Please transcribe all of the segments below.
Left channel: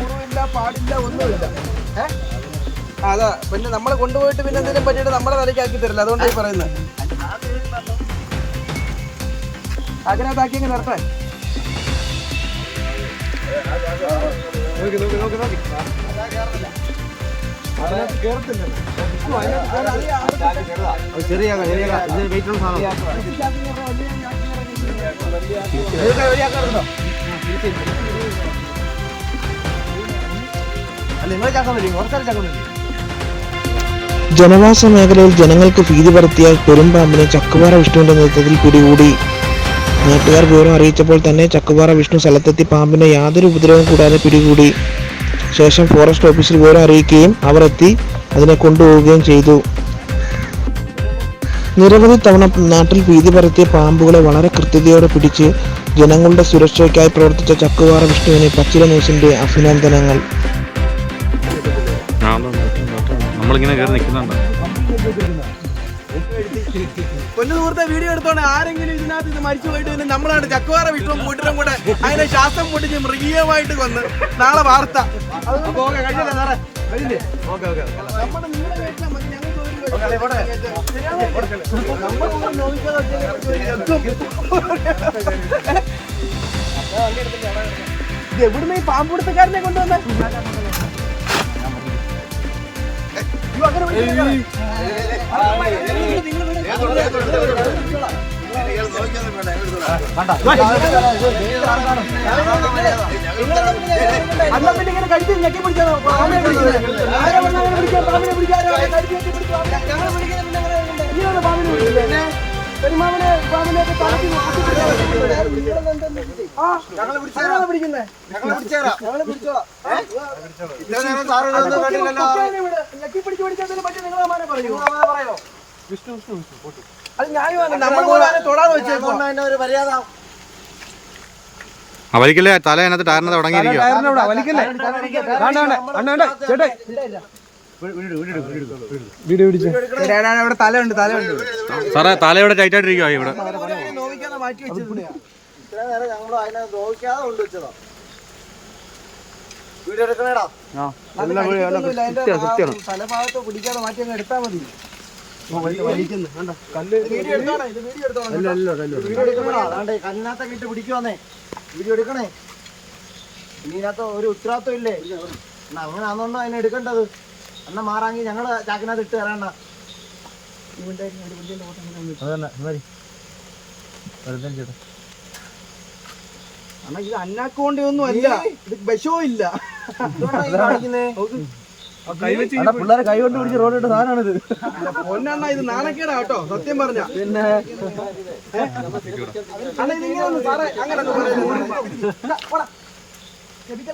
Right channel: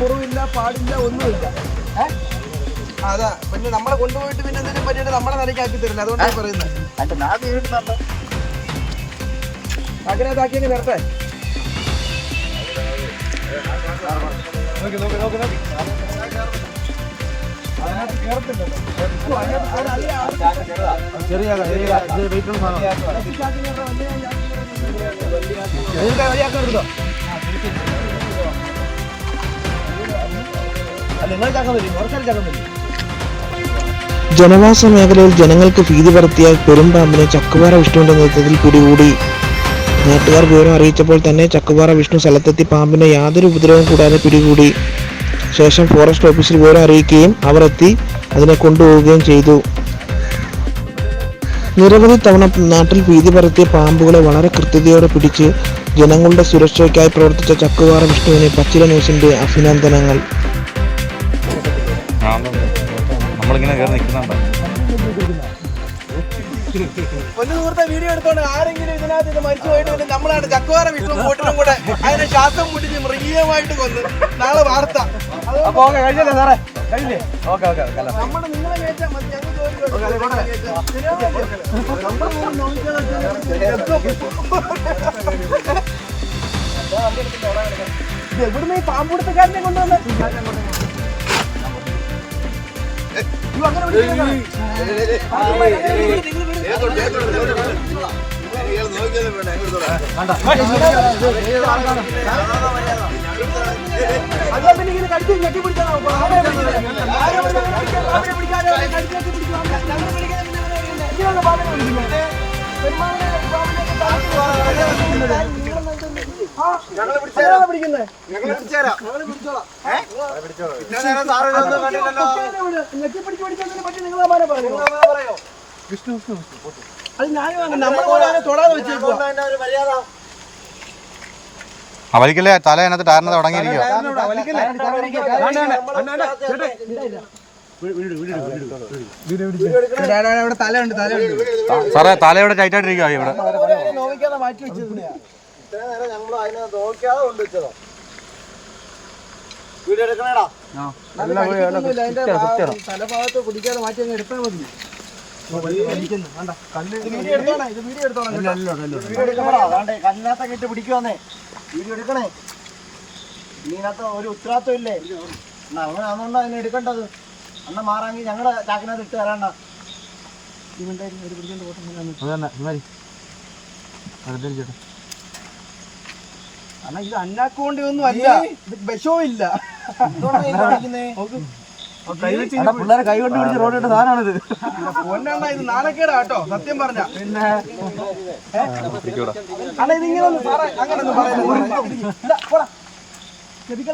മുറിവില്ല, പാടില്ല, ഒന്നുമില്ല. അതാ പിന്നെ നമ്മളെ കൊണ്ടുപോയിട്ട് പിന്നെ എന്തിനും പറ്റിയിട്ട് നമ്മളെ തലയ്ക്കാക്കി തരില്ല. അതുകൊണ്ടാണ് പറയുന്നത്. അതിനകത്താക്കി അങ്ങ് വരട്ടെ. ചെറിയ വെയിറ്റ് ഉള്ള ജനവാസ മേഖലയിൽ ജനങ്ങൾക്ക് ഭീതി പരത്തിയ പെരുമ്പാമ്പിനെ ചക്കുപാറ വിഷ്ണുവിന്റെ നേതൃത്വത്തിൽ പിടികൂടി. നാട്ടുകാർ വിവരം അറിയിച്ചപ്പോൾ തന്നെ ചക്കുപാറ വിഷ്ണു സ്ഥലത്തെത്തി പാമ്പിനെ യാതൊരു ഉപദ്രവവും കൂടാതെ പിടികൂടി. ശേഷം ഫോറസ്റ്റ് ഓഫീസിൽ വിവരം അറിയിക്കുകയും അവർ എത്തി അതിനെ കൊണ്ടുപോവുകയും ചെയ്തു. നിരവധി തവണ നാട്ടിൽ ഭീതി പരത്തിയ പാമ്പുകളെ വളരെ കൃത്യതയോടെ പിടിച്ച് ജനങ്ങളുടെ സുരക്ഷയ്ക്കായി പ്രവർത്തിച്ച ചക്കുപാറ വിഷ്ണുവിന് പച്ചില ന്യൂസിന്റെ അഭിനന്ദനങ്ങൾ. നമ്മളിങ്ങനെ കയറി നിൽക്കുന്നുണ്ടോ? പൊന്നു സുഹൃത്തെ, വീഡിയോ എടുത്തോണ്ട് ആരെങ്കിലും ഇതിനകത്ത് ഇത് മരിച്ചു പോയിട്ട് പിന്നെ നമ്മളാണ് ചക്കുപാറ വിഷ്ണു കൂട്ടിനും കൂടെ അതിനെ ശ്വാസം മുട്ടിച്ച് മൃഗീയമായിട്ട് കൊന്ന് നാളെ വാർത്ത. കഴിഞ്ഞല്ലേ സാറേ? കഴിഞ്ഞില്ലേ? നമ്മുടെ നിങ്ങളെ കയറ്റാൻ മതി. ഞങ്ങൾ എവിടുന്ന് ഈ പാമ്പുടുത്തക്കാരനെ കൊണ്ടുവന്നേ? ഞെട്ടി പിടിച്ചാ അവരിക്കല്ലേ തല അതിനകത്ത് ടയറിനകത്ത് തുടങ്ങിയിരിക്കുക. സാറേ തലയോടെ ടൈറ്റായിട്ടിരിക്കുക ഇവിടെ. തലഭാഗത്ത് പിടിക്കാതെ മാറ്റി അങ്ങ് എടുത്താൽ മതി. കല്ലിനകത്തൊക്കെ ഇട്ട് പിടിക്കുവാന്നേ. വീഡിയോ എടുക്കണേ. ഇതിനകത്ത് ഒരു ഉത്തരവാദിത്വം ഇല്ലേ? അങ്ങനെ ആണെന്നുണ്ടോ അതിനെ എടുക്കേണ്ടത്? അണ്ണ മാറാങ്കി ഞങ്ങളെ ചാക്കിനകത്ത് ഇട്ട് തരാണ്ട. ഈ മിണ്ടായിരുന്നു പിടിച്ചോണ്ട് പോട്ടെ. അണ്ണാ ഇത് അന്നാക്ക് കൊണ്ട് ഒന്നും അല്ല, ഇത് വിഷവും ഇല്ല. പിള്ളേരെ കൈ കൊണ്ട് പിടിച്ച് റോഡിട്ട് സാധനമാണിത്. പൊന്നണ്ണ ഇത് നാണക്കേടാ കേട്ടോ, സത്യം പറഞ്ഞ. പിന്നെ അണ്ണ ഇതിങ്ങനെ ഒന്ന് സാറേ അങ്ങനെ ഒന്ന് പറയുന്നത്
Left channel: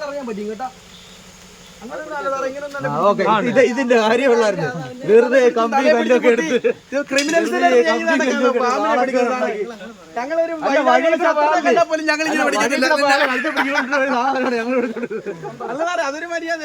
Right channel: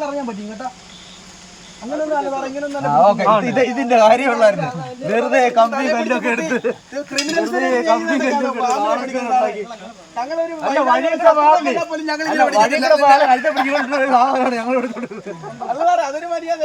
അറിയാൻ പറ്റും കേട്ടോ. ഇതിന്റെ കാര്യമുള്ളായിരുന്നു. വെറുതെ കമ്പി കല്ലൊക്കെ എടുത്ത് ഞങ്ങളൊരു അതൊരു മര്യാദ.